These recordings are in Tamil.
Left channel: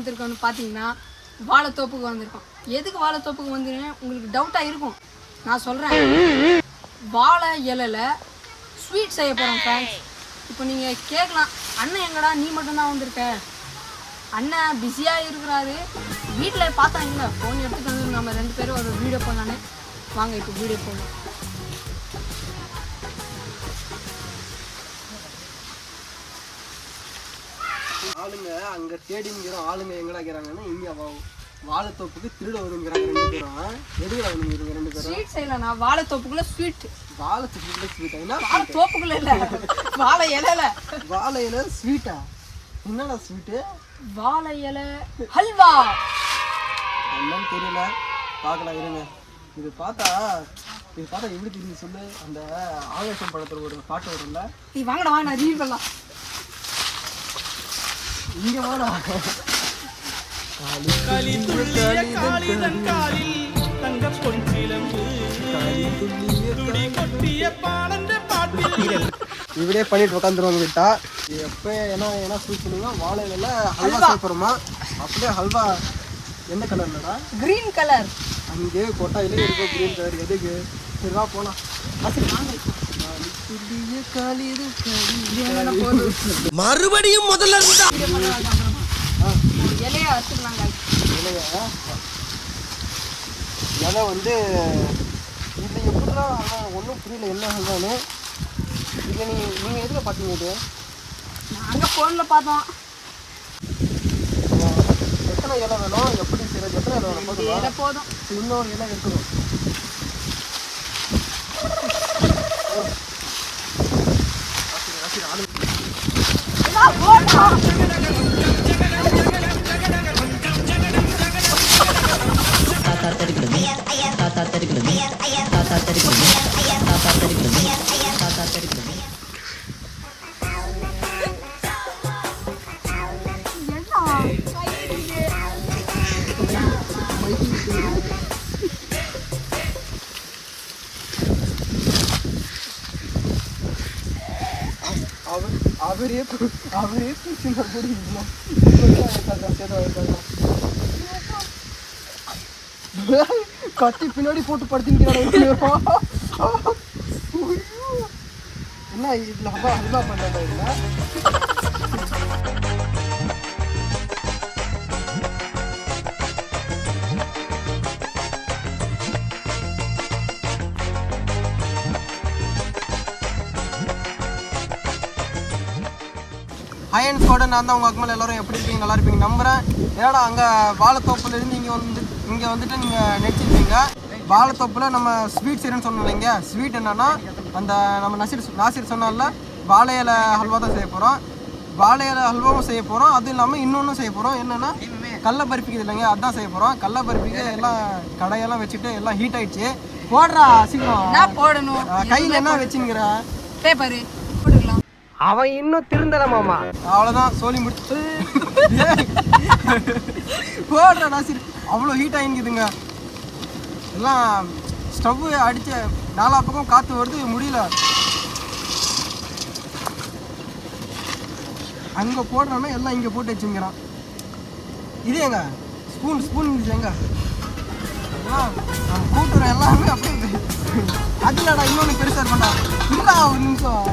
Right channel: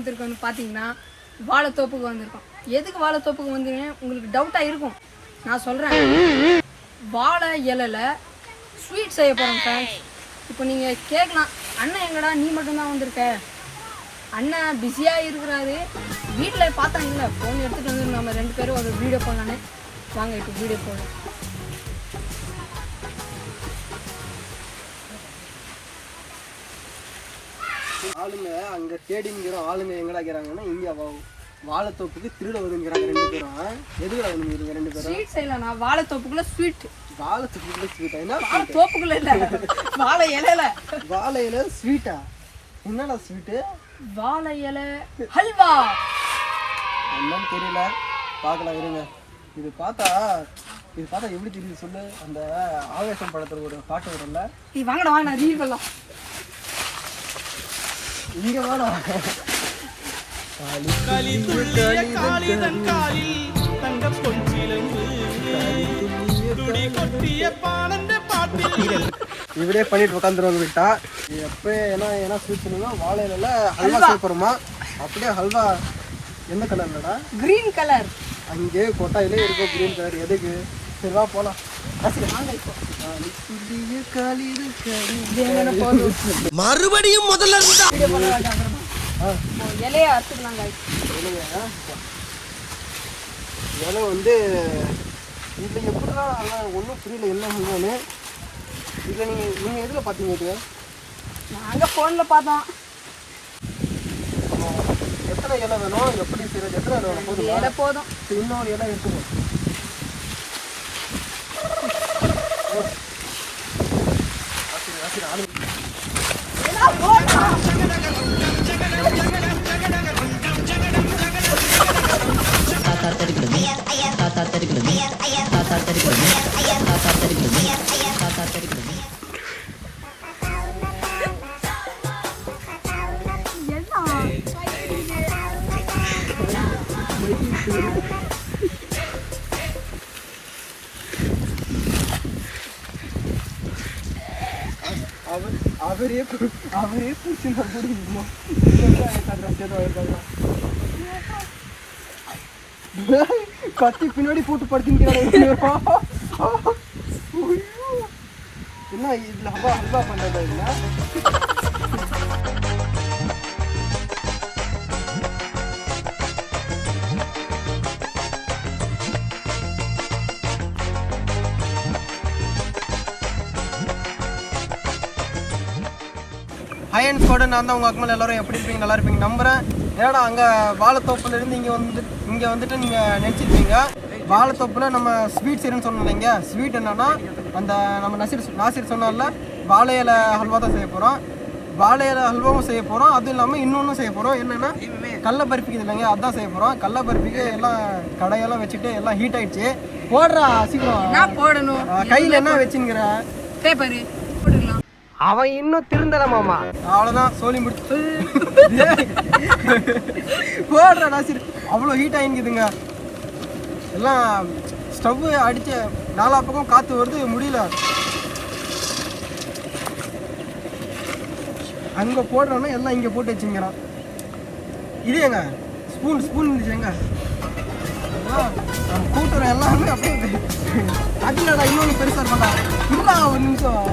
வந்திருக்கோம்னு பார்த்தீங்கன்னா வாழைத்தோப்புக்கு வந்திருக்கோம். எதுக்கு வாழைத்தோப்புக்கு வந்தீங்கன்னா உங்களுக்கு டவுட்டாக இருக்கும். நான் சொல்கிறேன், வாழை இலையில் ஸ்வீட் செய்ய போகிறோம் ஃப்ரெண்ட்ஸ். இப்போ நீங்கள் கேட்கலாம், அண்ணன் எங்கடா நீ மட்டும்தான் வந்திருக்க? அண்ணன் பிஸியாக இருக்கிறாரு. வீட்டில் பார்த்தாங்களா ஃபோன் எடுத்துகிட்டு வந்து நம்ம 2 பேரும் ஒரு வீடியோ பண்ணலான்னு. வாங்க இப்போ வீடியோ போகலாம். ஆளுங்க அங்கே தேடிங்கிற ஆளுங்க எங்கடா இருக்கிறாங்கன்னா இங்கே வாழைத்தோப்புக்கு திருட வருங்கிறாங்க 2 பேரும். எதுக்குடா வந்துங்க 2 பேரும்? ஸ்வீட் செய்யலாம்ண்ணா. வாழைத்தோப்புக்குள்ள ஸ்வீட். வாழைத்தோப்புக்குள்ள ஸ்வீட்டா? என்ன தோப்புக்குள்ள இல்லை, வாழை இலையில. வாழை இலை ஸ்வீட்டா? என்னடா ஸ்வீட்டு? வாழை இலை ஹல்வா. என்னன்னு தெரியல, பார்க்கலாம் இருங்க. இது பார்த்தா எப்படி தெரியுது சொல்லு? அந்த ஆவேசம் படத்துல ஒரு பாட்டு வரும்ல, நீ வாங்கடா வாங்க நான் ரீல் பண்ணலாம். இங்க வாடா. களி துள்ளிய காளிதன் காலில் தங்க பொன்சிலம்பு துடி கொட்டிய பானந்த பாட்டில் இவரே பண்ணிட்டு உட்காந்துருவாங்க கிட்டா. எப்போ என்ன ஸ்வீட் பண்ணுங்க? வாழை இலையில ஹல்வா சாப்பிட்றோமா? அப்படியே ஹல்வா எந்த கலர்லடா? Green colour. அங்கே கொட்டாயிலே இருக்கும் கிரீன் கலர். எதுக்கு? சரிவா போலாம். மறுபடியும் முதல்ல இருந்தா இலைய அறுத்துக்கலாங்க. இலை வந்து இதில் எப்படின்னா ஒன்றும் புரியல என்ன சொல்றான்னு. இதில் நீங்கள் எதில் பார்த்தீங்க? இது நாங்கள் ஃபோனில் பார்த்தோம். எத்தனை இலை வேணும்? எப்படி செய்யறது? எத்தனை இலை வேணும்? போதும் இலை போதும். இன்னொரு இலை எடுத்துக்கோ. அவரே கத்தி பின்னாடி போட்டு படுத்திக்கிறாங்க. என்ன இதுல ஹல்வா பண்ணாங்க? இல்லை ஹையன் கோட நான் தான் உங்கள் அக்கமல் எல்லோரும் எப்படி இருப்பீங்க? நல்லா இருப்பீங்க நம்புகிறேன். ஏன்னா அங்கே வாழைத்தோப்புலேருந்து இங்கே வந்துட்டு நீங்கள் நினச்சிருப்பீங்க வாழைத்தோப்பில் நம்ம ஸ்வீட் செய்யணும்னு சொன்னோம் இல்லைங்க. ஸ்வீட் என்னென்னா அந்த நம்ம நாசிர் சொன்னால வாழை இலை ஹல்வா தான் செய்ய போகிறோம். வாழை இலை ஹல்வாவும் செய்ய போகிறோம். அதுவும் இல்லாமல் இன்னொன்றும் செய்ய போகிறோம். என்னென்னா கடல பருப்பிக்கு இல்லைங்க, அதுதான் செய்ய போகிறோம். கடல பருப்பிக்கு எல்லாம் கடையெல்லாம் வச்சுட்டு எல்லாம் ஹீட் ஆகிடுச்சு. போடுறா சீக்கிரம் போடணும். கையில் என்ன வச்சுங்கிற பேப்பரு போட்டுக்கலாம். அவன் இன்னும் திருந்தல மாமா. அவ்வளோதான் சோழி முடிச்சு போடுற நாசிர். அவ்வளோ ஹீட் ஆகிங்குதுங்க. எல்லாம் ஸ்டவ் அடித்து 4 பக்கம் காற்று வருது, முடியல. அங்கே போடுறோன்னா எல்லாம் இங்கே போட்டு வச்சுங்கிறான். இது எங்க ஸ்பூன் இருந்துச்சு எங்க கூட்டுறோம் எல்லாமே அப்படியே. அதுலடா இன்னொன்று பெருசாக இருக்கா இருந்தா ஒரு நிமிஷம்.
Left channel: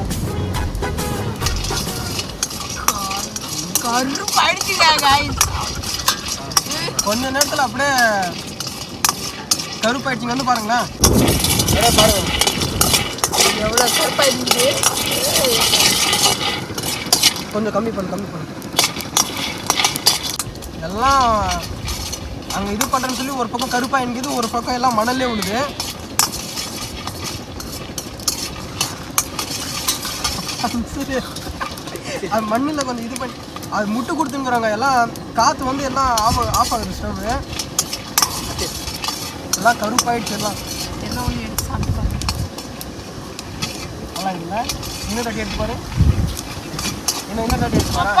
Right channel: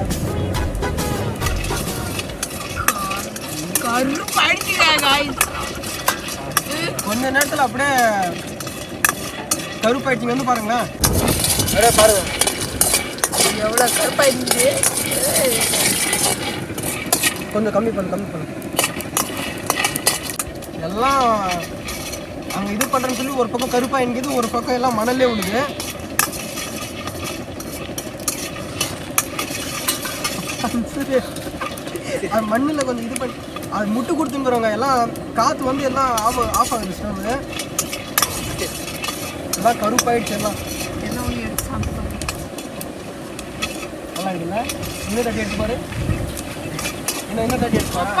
கொஞ்ச நேரத்தில் அப்படியே கருப்பாயிடுச்சிங்க. வந்து பாருங்களேன், அப்படியே பாருங்க எவ்வளோ கருப்பாயிடுச்சு. கொஞ்சம் கம்மி பண்ணு. எல்லாம் அங்கே இது பண்ணுறேன்னு சொல்லி ஒரு பக்கம் கருப்பாயிடுது, ஒரு பக்கம் எல்லாம் மணல்லே விழுது. அது மண்ணில் கொஞ்சம் இது பண்ணி அது முட்டு கொடுத்துங்கிறாங்க. எல்லாம் காற்று வந்து எல்லாம் ஆஃப் ஆகுது ஸ்டவ். எல்லாம் கருப்பாயிடுச்சு. எல்லாம் நல்லா இருக்குல்ல? இன்னும் கட்டி எடுத்து பாரு. இன்னும் கட்டி எடுத்து பாரு.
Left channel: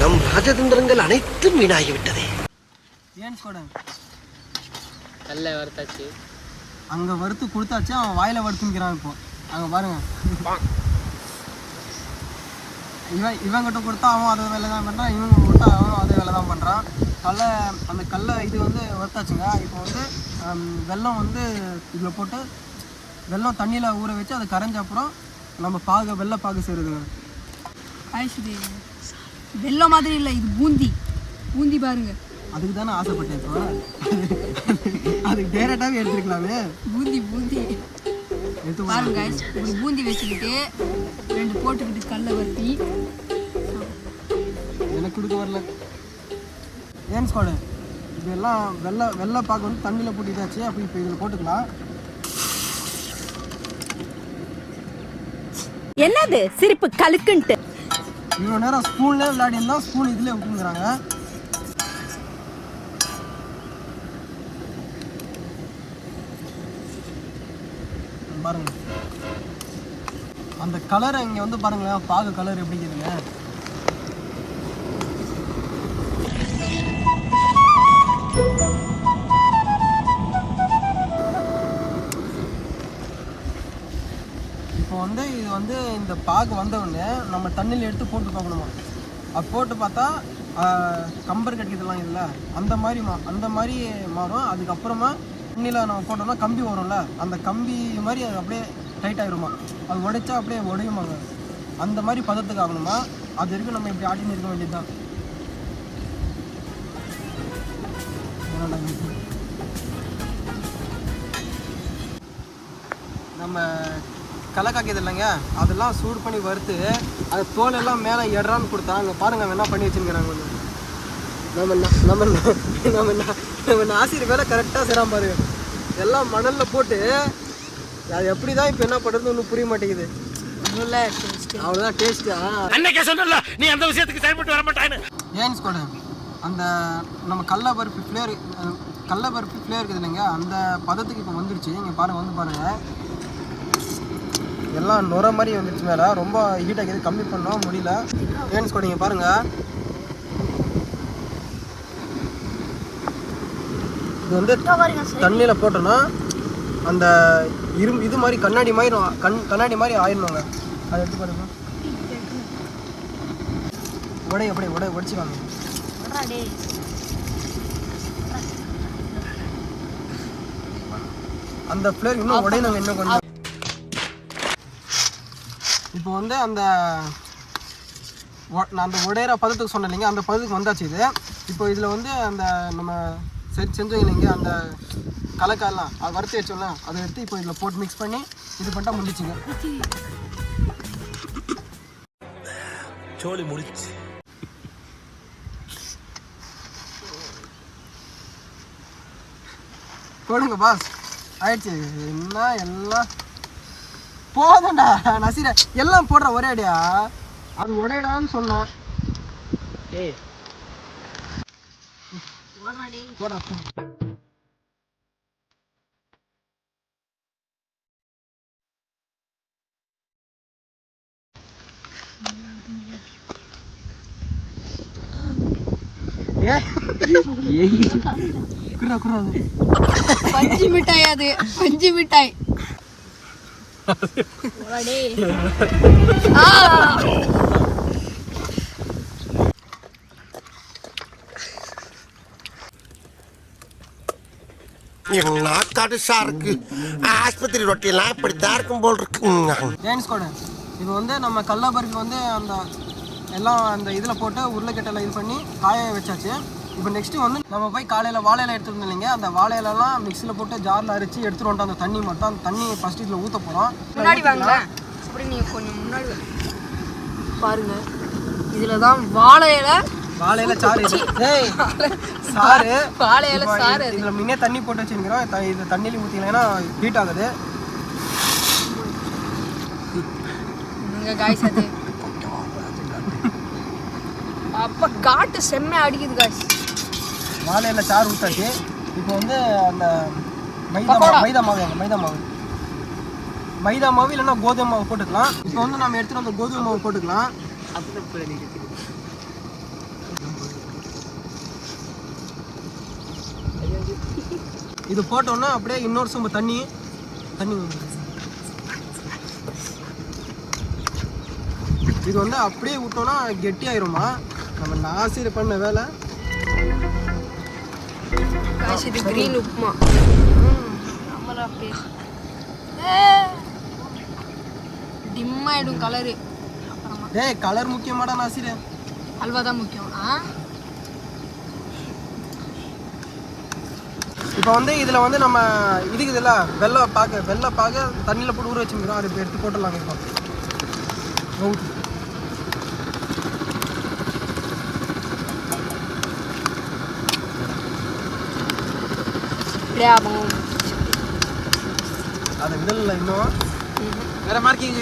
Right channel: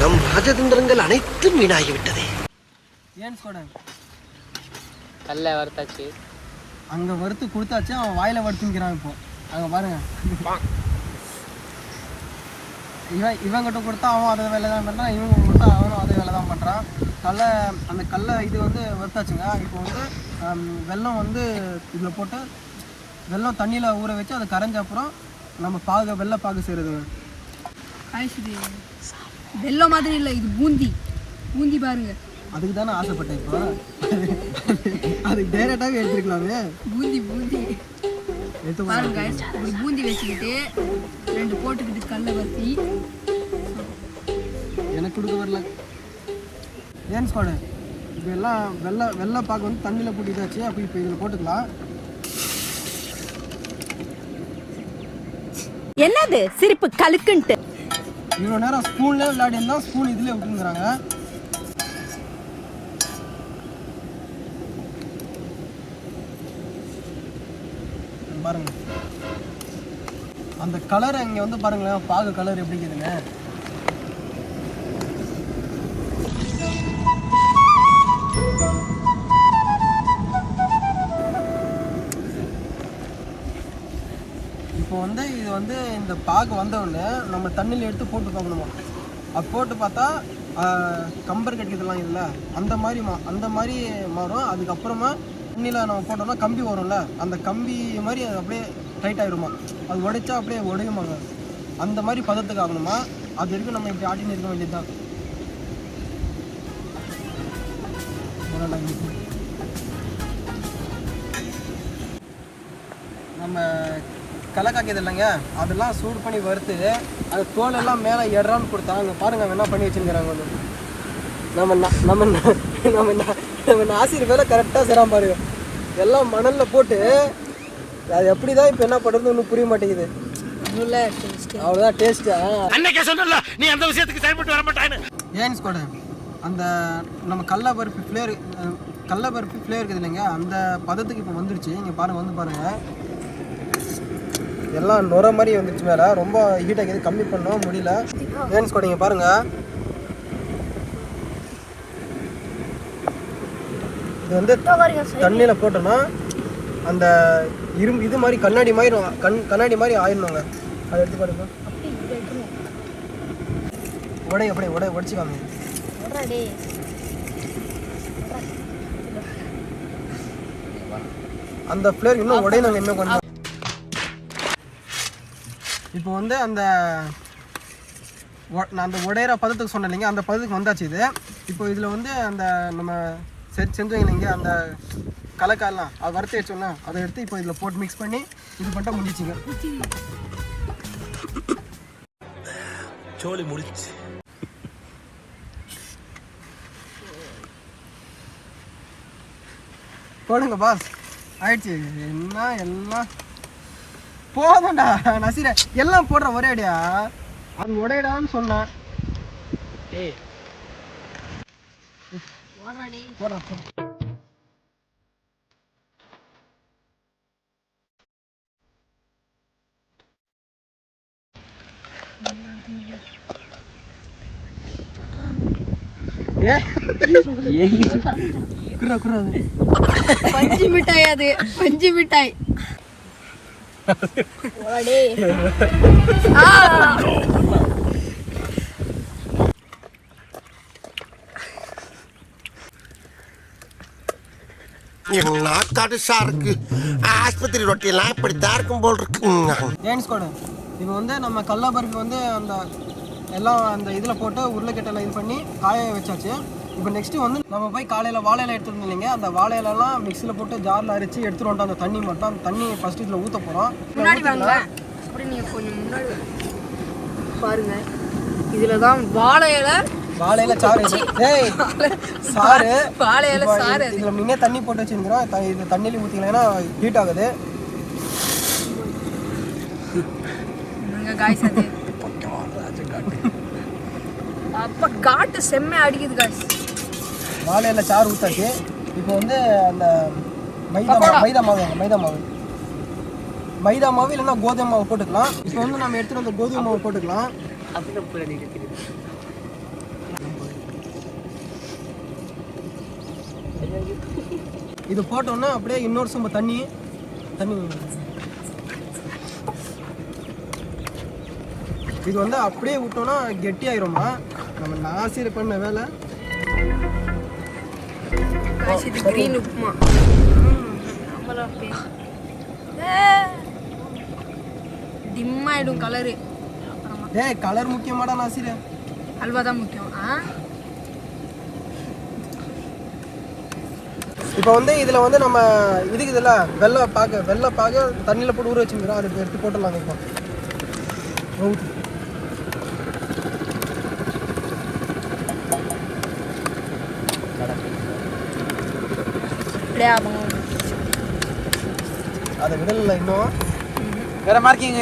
நம் ராஜதந்திரங்கள் அனைத்தும் வீணாகிவிட்டதே. ஏன் கூட நல்ல வறுத்தாச்சு. அங்கே வறுத்து கொடுத்தாச்சு, அவன் வாயில் வறுத்துங்கிறான். இப்போ அங்கே பாருங்க. இவங்கிட்ட கொடுத்தா அவன் அதை வேலை தான் பண்ணுறான், இவங்க கொடுத்தா அவனும் அதே வேலை தான் பண்ணுறான். அந்த கடலை இது வந்து வறுத்தாச்சுங்க. இப்போ வந்து வெல்லம் வந்து இதில் போட்டு வெல்லம் தண்ணியில் ஊற வச்சு அதை கரைஞ்ச அப்புறம் நம்ம வெள்ளை பாகு செய்கிறதுங்க. காய்ஸ் இது வெல்லம் மாதிரி இல்லை, இது பூந்தி பாருங்க. அதுக்கு தானே ஆசைப்பட்டேன். இப்போ அதுக்கு டேரெக்டாகவே எடுத்துருக்கலாமே. பூந்தி எடுத்து பாருங்க guys. இப்படி பூந்தி வச்சுக்கிட்டு 2 போட்டுக்கிட்டு கடலை வறுத்தி எனக்கு கொடுக்க வரல. ஏன் ஸ்குவாடு இப்போ எல்லாம் வெள்ளை பாக்கு வந்து தண்ணியில் போட்டு இதாச்சு. அப்போ இப்போ இதில் போட்டுக்கலாம். என்னது சிரிப்பு கலுக்குன்ட்டு இவ்வளோ நேரம் ஸ்பூன்லேயே விளையாடி இருந்தால் ஸ்பூன் இதுலேயே விட்டுங்கிறாங்க. பாருங்க அந்த கலர் இங்கே வந்து பாருங்களேன், பாகு கலர் எப்படி இருக்குதுன்னு. இப்போ வந்து இது வந்து இந்த பாகு வந்தவுடனே நம்ம தண்ணியில் எடுத்து போட்டு பார்க்கணுமா. அது போட்டு பார்த்தா கம்பர் கட்டிதெல்லாம் இல்லை அந்த மாதிரி மாறும். அதுக்கப்புறமா தண்ணியில் நம்ம போட்டோம்னா கம்பி வரும்ல, அந்த கம்பி மாதிரி அப்படியே டைட் ஆகிடுமா. அது உடைச்சா அப்படியே உடையுமாங்க. அந்த மாதிரி பதத்துக்கு ஆகணுமா. அது வரைக்கும் நம்ம இப்படி ஆட்டின்னு இருக்க வேண்டியது தான். நம்ம களை காய்க்கிறது இல்லைங்க, அதெல்லாம் சூடு பண்ணி வறுத்து அது தோலெல்லாம் மேலே எறான்னு கொடுத்தா அங்கே பாருங்கள் என்ன பண்ணி வச்சுருக்கிறாங்க. கொஞ்சம் நம்ம ஆசிரியர் வேலை கரெக்டாக செய்கிறான் பாருங்க. எல்லாம் மணலில் போட்டு அது எப்படி தான் இப்போ என்ன பண்ணுறது ஒன்றும் புரிய மாட்டேங்குது. அவ்வளோதான் டேஸ்ட்டா. நீ அந்த விஷயத்துக்கு செயல்பட்டு வர மாட்டான்னு ஏன் ஸ்குவாடு அந்த நம்ம கடலப்பருப்பு ஃப்ளேவர் இருக்குது இல்லைங்க, அந்த பதத்துக்கு இப்போ வந்துருச்சு. இங்கே பாருங்கள் எல்லாம் நுர மாதிரி வந்துருச்சு. மேலே ரொம்ப ஹீட் ஆகிது, கம்மி பண்ணோம் முடியல. ஏன் ஸ்குவாடு இங்கே பாருங்கள், இது வந்து தண்ணியில் போட்டோன்னா அந்த இது மாதிரி கண்ணாடி மாதிரி ஆயிடணுங்க. அதை எடுத்து பாருங்க. உடைச்சிக்காங்க. அந்த ஃப்ளேவர் இன்னும் உடையணுங்க, இன்னும் கொஞ்சம். இப்போ வந்து நான் அந்த உடையிற பதத்துக்கு சொன்னேன் இல்லைங்க, அந்த பதத்துக்கு வந்தாச்சு இது. இப்போ இதில் வந்து அந்த நம்ம செஞ்சோம் இல்லைங்க, அந்த கலக்காயெல்லாம் அது வறுத்து வச்சோம்னா அதை எடுத்து இப்போ இதில் போட்டு மிக்ஸ் பண்ணி இது பண்ணிட்டா முடிச்சுங்க. சோலி முடிச்சு போடுங்க பாஸ். ஆயிடுச்சு. என்ன எல்லாம் போதும்டா நசீர, எல்லாம் போடுற ஒரே அடியா. அது உடையடான்னு சொன்னேன். போடா. பஞ்சு மிட்டாய், அது பஞ்சு மிட்டாய். நாக்காடு சாருக்கு ஆஸ்பத்திரி ரொட்டியெல்லாம் இப்படித்தான் இருக்கும் போல் இருக்கு. ஏன் ஸ்குவாடு இப்போ வந்து நம்ம கடலப்பருப்பு வந்து அந்த எல்லாம் அந்த இதில் போட்டு உருளைக்கட்டையில் இது பண்ணி காய வச்சாச்சு. இப்போ நெக்ஸ்ட்டு வந்து நம்ம போய் காலையில் வாழையில எடுத்துகிட்டு இல்லைங்க, அந்த வாழையிலலாம் மிக்சியில் போட்டு ஜாரில் அரைச்சி எடுத்துகிட்டு வந்துட்டு அந்த தண்ணி மட்டும் அந்த தண்ணி ஃபஸ்ட்டு இதில் ஊற்ற போகிறோம். அப்படி நீங்கள் கொஞ்சம் முன்னாடி பாருங்க. இதில் தான் வாழையில சாறு இது. ஏய் சாறு வாழையில சாறு. இதில் முன்னே தண்ணி போட்டு வச்சுருக்கிறோம். இது தண்ணியில் ஊற்றிங்கன்னா ஹீட் ஆகுது. அப்போ காட்டு செம்மை அடிக்குது காய்ஸ். வாழையில சாறு ஊற்றாச்சு. இப்போ வந்து அந்த மைதா மாவு இல்லைன்னா கோதுமை மாவு போட்டுக்கலாம். இப்போ வந்து நம்ம எடுத்துகிட்டு அந்த கோதுமை மாவு போட்டுக்கலாம். இது போட்டோன்னா அப்படியே இன்னொரு சொம்பு தண்ணி இது வந்து அப்படியே விட்டோம்னா கெட்டி ஆயிருமா. நம்ம நாசிர் பண்ண வேலை இது கிரீன் உப்புமா. டிம் ஆயிடும் கலரு. அப்புறமா டேய் கலர் முக்கியமாடா நாசிர். அல்வா தான் முக்கியம். இப்போ வந்து இதில் வந்து நம்ம இதுக்கு இதில் வெள்ளை பாக தண்ணியில் போட்டு ஊற வச்சுக்கிறோம். அதை எடுத்து போட்டுடலாங்க. இப்போ அதை விடல இன்னும் வேற மார்க்கிங்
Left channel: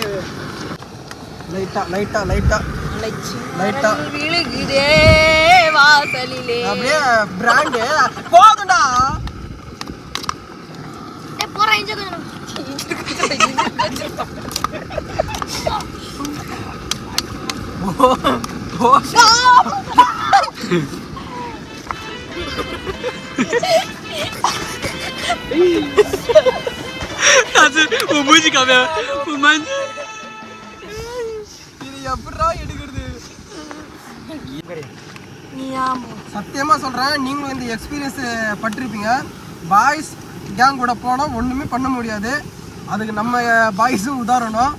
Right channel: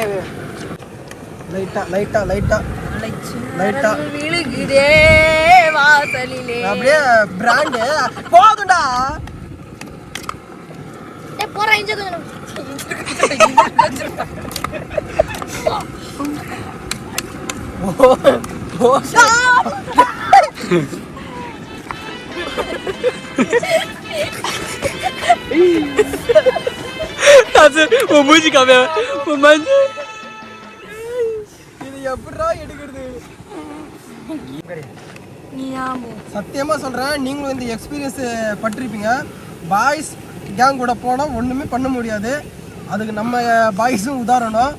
லைட்டாக விழுகுதே வாசலிலே. அப்படியே பிராண்டு போதும்டா. இது எப்படிடா எடுக்கிறது? சத்தியமா சொல்றேன், நீங்களும் இந்த எக்ஸ்பீரியன்ஸ் பட்டிருப்பீங்க. பாய்ஸ் கேங் கூட போனால் ஒண்ணுமே பண்ண முடியாது. அதுக்கு நம்ம பாய்ஸும் உதாரணம்.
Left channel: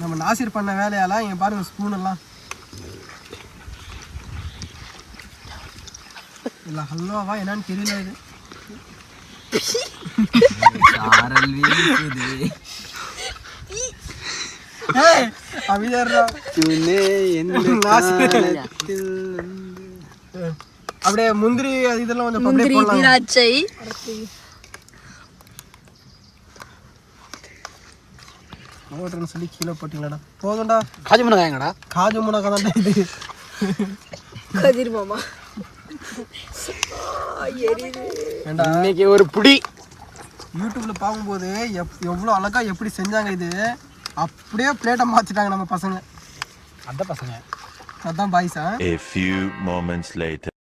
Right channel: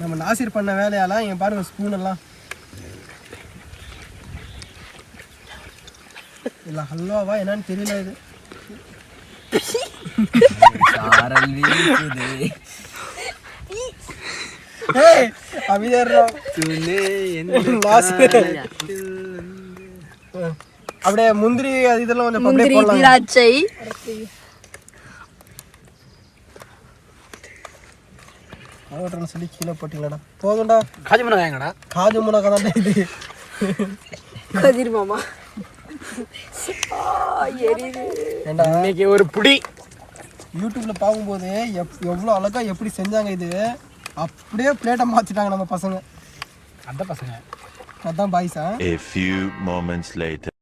நம்ம நாசிர் பண்ண வேலையால இங்க பாருங்க ஸ்பூன் எல்லாம் இல்ல ஹல்வாவா என்னன்னு தெரியல. இது அப்படியே முந்திரி அது இதெல்லாம் கொஞ்சம் முந்திரி திராட்சை போடுறேன்னு சொல்லி கீழே போட்டீங்களாடா. போதும்டா. காஜு முனகாயங்கடா. காஜு முனகா தான்டா இது. கதிர் மாமா ஏண்டா இன்னைக்கு ஒரு புடி யூடியூப்ல பார்க்கும்போது எவ்வளோ அழகா எப்படி செஞ்சாங்க. இது அப்படியே பிளேட்டை மாத்திட்டாங்க நம்ம பசங்க. அந்த பசங்க அதான் பாய்ஸா. A few moments later.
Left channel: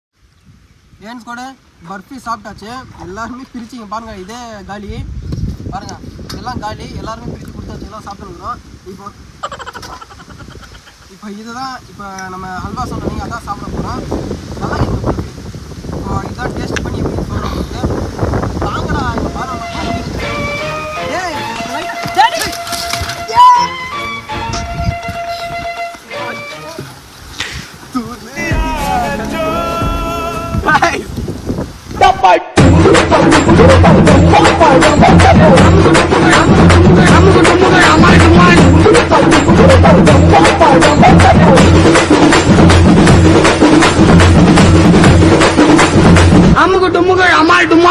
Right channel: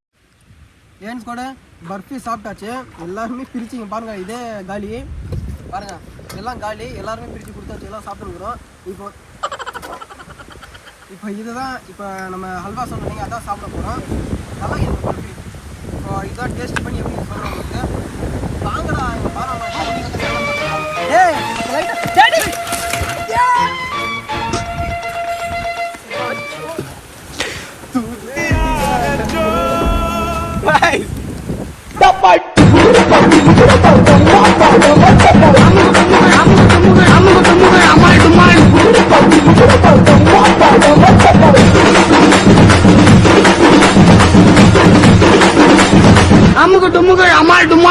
ஏன்ஸ் கூட பர்ஃபி சாப்பிட்டாச்சு. எல்லாருமே பிரிச்சிங்க பாருங்க. இதே காலி பாருங்க, எல்லாம் காலி. எல்லாருமே பிரித்து கொடுத்தாச்சு, எல்லாம் சாப்பிட்டுருக்குறோம். இப்போ இதுதான் இப்போ நம்ம ஹல்வா சொன்னீங்க, அதான் சாப்பிட போகிறோம். நல்லா இருக்குது பர்ஃபி. இப்போ இதான் டேஸ்ட் பண்ணி எப்படி சொல்கிறோம் உங்களுக்கு. வாங்கடா இங்கே பாருங்க. அமுகு டுமுகு அமால் டுமா.